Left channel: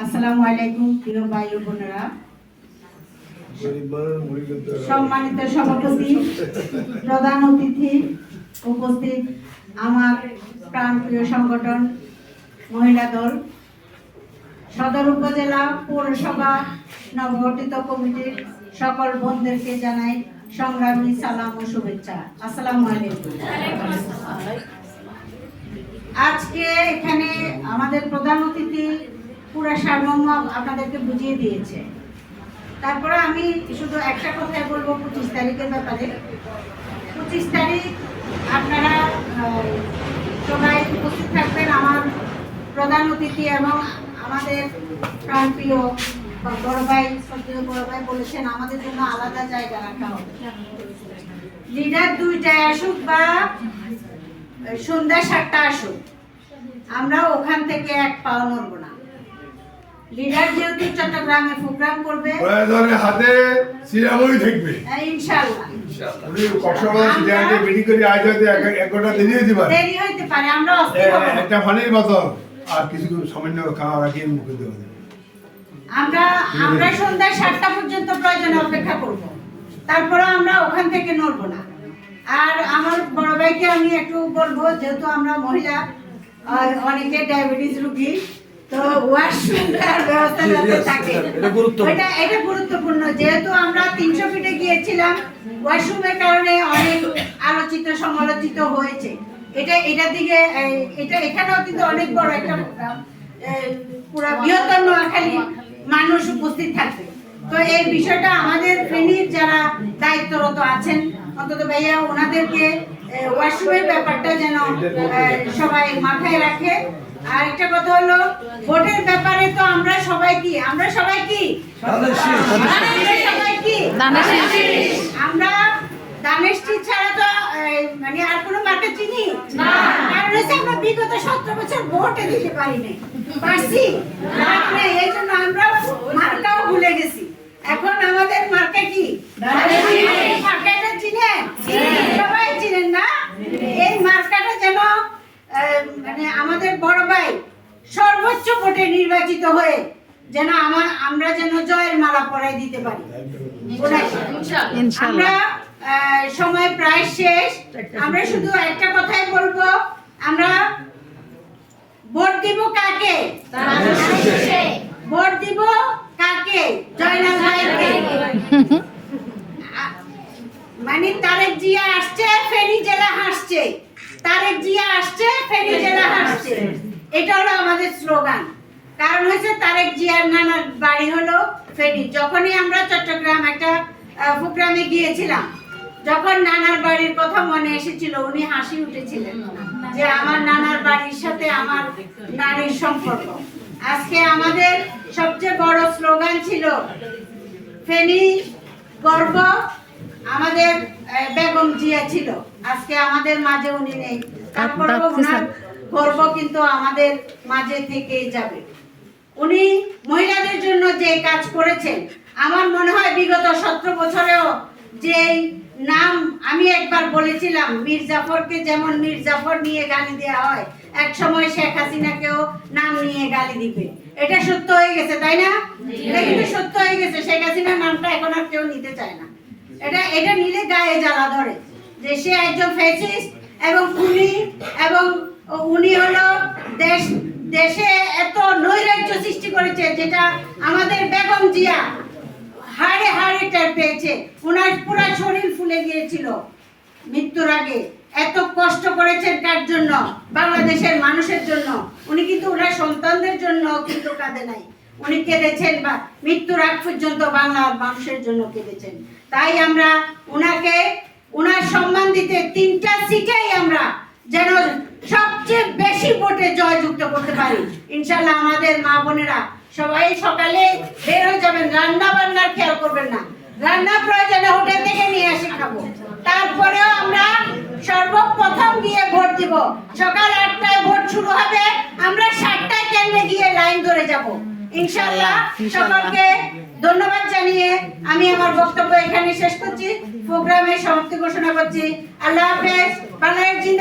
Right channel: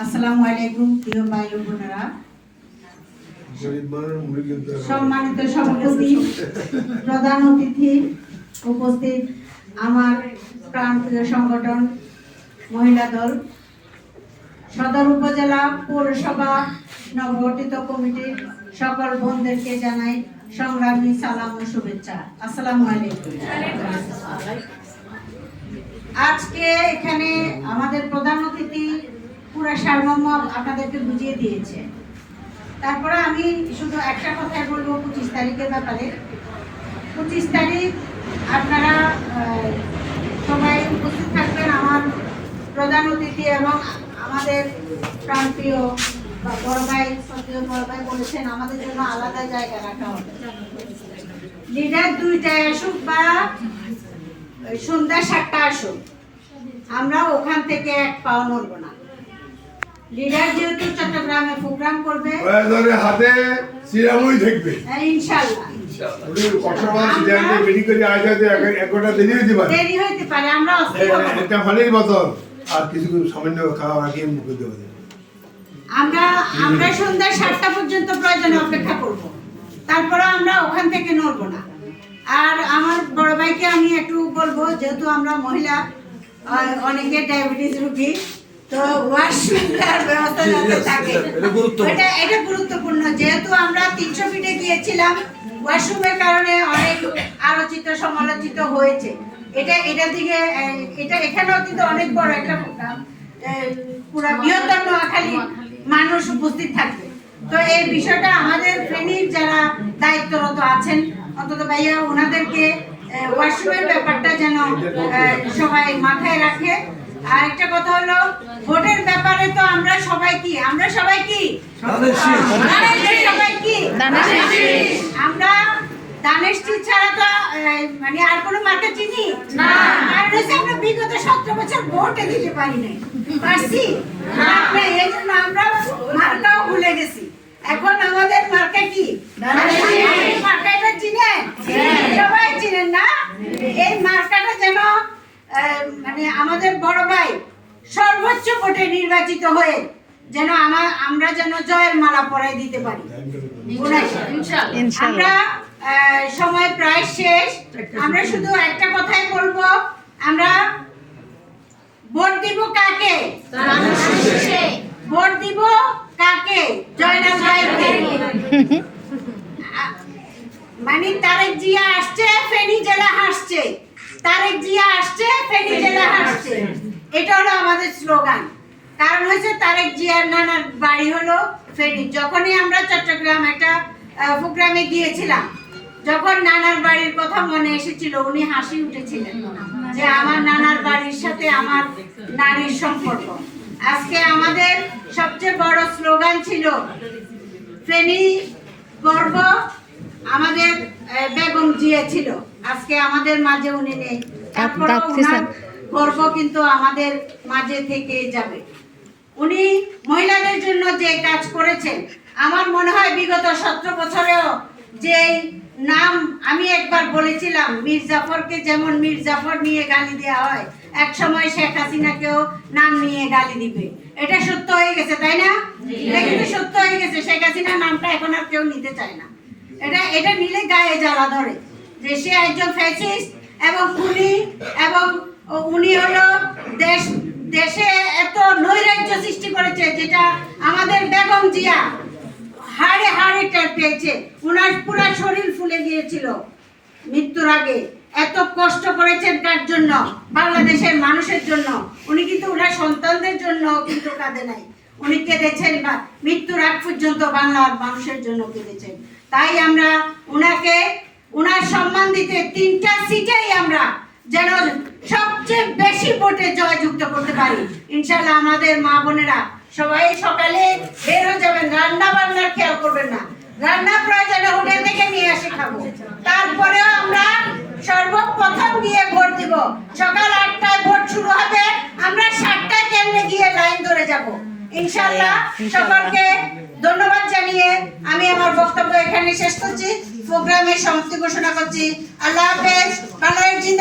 আসসালামু আলাইকুম প্রিয় ভাই ও বোনেরা, সম্মানিত সভাপতি, প্রধান অতিথি, উপস্থিত আমার প্রাণপ্রিয় সংগঠন মহিলা দল, সদর উপজেলা পৌরসভা নবগঠিত কমিটির সকল বোনদেরকে জানাই সংগ্রামী সালাম ও শুভেচ্ছা। আসসালামু আলাইকুম। আজকে এখানে আমাদের প্রধান অতিথি পুরা সারমর্ম আপনাদেরকে বুঝিয়ে দিয়েছে। তারপরে আমি শুধু একটা কথাই বলবো 25 তারিখের ব্যাপারে। 25 তারিখ আপনারা সবাই উপস্থিত থাকবেন। আমার প্রধান অতিথি এবং আমাদের প্রাণপ্রিয় বড় ভাই, শ্রদ্ধেয় বড় ভাই বলেছেন আমাদের জন্য আলাদা জায়গা রাখা হবে। লিডার 2টায় আসুক বা সন্ধ্যা 7টা আসুক, আমরা ওখান থেকে এক পাও নড়ব না। লিডার যেহেতু চট্টগ্রামে প্রোগ্রাম করবে, হাতে সিরামই থাকবে ইনশাআল্লাহ। উনি কক্সবাজার সিরামে বেরি করে আজ হয়তো 1 ঘন্টা দেরি হতে পারে আমরা অস্থির হব না। একটা ফানের বদল আর কিছু সামান্য খাওয়া আগে মুখে দেওয়া আমরা সন্ধ্যা 7টা পর্যন্ত প্রয়োজনে অপেক্ষা করব। তারপরে আমরা ওখান থেকে নড়ব না। আর আমার বড় ভাইকে আমি একটু বলবো, যেহেতু আমরা মহিলা, অনেকে ডায়াবেটিস রোগী, তো ওয়াশরুমের ব্যবস্থা যাতে থাকে, এটা গুরুত্বপূর্ণ। যেহেতু আমরা 300 ফিটে গিয়েছিলাম, ওয়াশরুমের কারণে অনেক আলোচিত সমালোচিত হয়েছে। এটা দিকে এখানেও কিন্তু অনেক বড় একটা প্রোগ্রাম, পুরো বৃহত্তর নোয়াখালী মানুষ উপস্থিত থাকবে। তো এই বিষয়টা আমাদের ফেনীর যারা দায়িত্বরত আছেন, অন্তত ভাইয়া ওনাদেরকে ওয়াশরুমের ব্যাপারটা যেন সবাই মাথায় রাখে। আর একটা কথা হলো, ভোটের ব্যাপারে তো আমরা সবাই কি আমরা দানেশটি ছাড়া তো মানে আর কোনো মার্কে চিনি না। কারণ হচ্ছে আমরা বিগত 17 বছর ভোটে দিতে পারছি না, এই জন্য আমরা মার্কাও ভুলে গেছি। এখন আমাদের মার্কা কি? মার্কাটা চিনেন? সবাই চিনেন না? এই মার্কাটা যেন মানে আমাদের বড় ভাই সর্বোচ্চ ভোটে নির্বাচিত হয়ে যেন আমরা যেন জয়ের মালা পরাই দিতে পারি। আমরা সময় প্রায় শেষ। আমরা শুধু একটা কথাই বলবো, আমরা ভোট দিব কাকে? ভোট দিব কাকে? জয়নাল ভাইকে। মানে তারেক জিয়া আসছে, ফেনী জেলা হাসছে। তারেক জিয়া আসছে, ফেনী জেলা হাসছে। এটা হলো আমাদের স্লোগান। কারণ হচ্ছে তারেক জিয়ার নানার বাড়ি হলো ফেনী। যখনই আমরা চট্টগ্রাম একটা প্রোগ্রামে গিয়েছিলাম, যখন নানার বাড়ির কথা মনে এসেছিল, উনি হাসি উঠেছিলেন যে আমার নানার বাড়ির সাথে আমার নারীর সম্পর্ক। আজকে আমাদের সবচেয়ে বড় স্লোগান ছিল ফেনী গর্ব, আমাদের বেগম জিয়া ছিল। আজকে আমাদের মাঝে উনি নেই, তারপরেও ওনার গর্ব কিন্তু আমাদের মাঝে থেকে যাবে। উনি মহিলাদের জন্য যে কাজ করেছেন, আমার মনে হয় বিগত 17 বছরেও যে নাম আমি একবার বলেছিলাম, মীর জাফরকে যেমন মীর জাফর নিয়ে গালি দেওয়া হয়, এক সময় শেখ হাসিনাকেও নাম নিয়ে গালি দিবে। এটা সত্য হয়ে গেছে, তাই না? এটা কিন্তু সত্য হয়ে গেছে। শেখ হাসিনার নামটা এখন আর কেউ নিতে চায় না। এটা নিলে গায়ে জ্বালা ধরে যে সে একজন ফ্যাসিস্ট এবং খুনি, এবং উনি হলো দেশে এত নৈরাজ্য সৃষ্টি করেছে, যেটা আমাদের বেগম জিয়া হাড়ে হাড়ে টের পেয়েছে। উনার পুরো শরীর ফুলে গিয়েছিল মৃত্যুর আগে। এত কষ্ট করেছেন কার জন্য? বাংলাদেশের মানুষের জন্য। উনি কিন্তু ওনার সন্তানদের জন্য কিন্তু কাঁদে নাই, উনি কেঁদেছেন বা মৃত্যুর আগ পর্যন্ত বাংলার মানুষের জন্য কেঁদেছেন। তাই আমরা ওনার সম্মান দিতে 3টা সিটেই আমরা যেন সবচেয়ে বেশি ভোটে জয়যুক্ত করতে পারি ইনশাআল্লাহ। আমাদের মা বোনেরা সবাই সকালে বের হয়ে যাবেন, রান্না বান্নার খেয়াল করবেন না। রান্না প্রয়োজনে হোটেল থেকে নিয়ে এসে খাবো। তারপরেও আমরা সর্বপ্রথম গিয়ে ভোট দিব। সকাল 8টায় ভোট শুরু হবে, আমরা 7টায় কেন্দ্রে গিয়ে লাইন ধরে যাব ইনশাআল্লাহ। সকলকে ধন্যবাদ জানিয়ে আমি আমার বক্তব্য এখানে শেষ করছি, প্রোগ্রামের সমাপ্তি ঘোষণা করছি। আল্লাহ হাফেজ। বাংলাদেশ জিন্দাবাদ।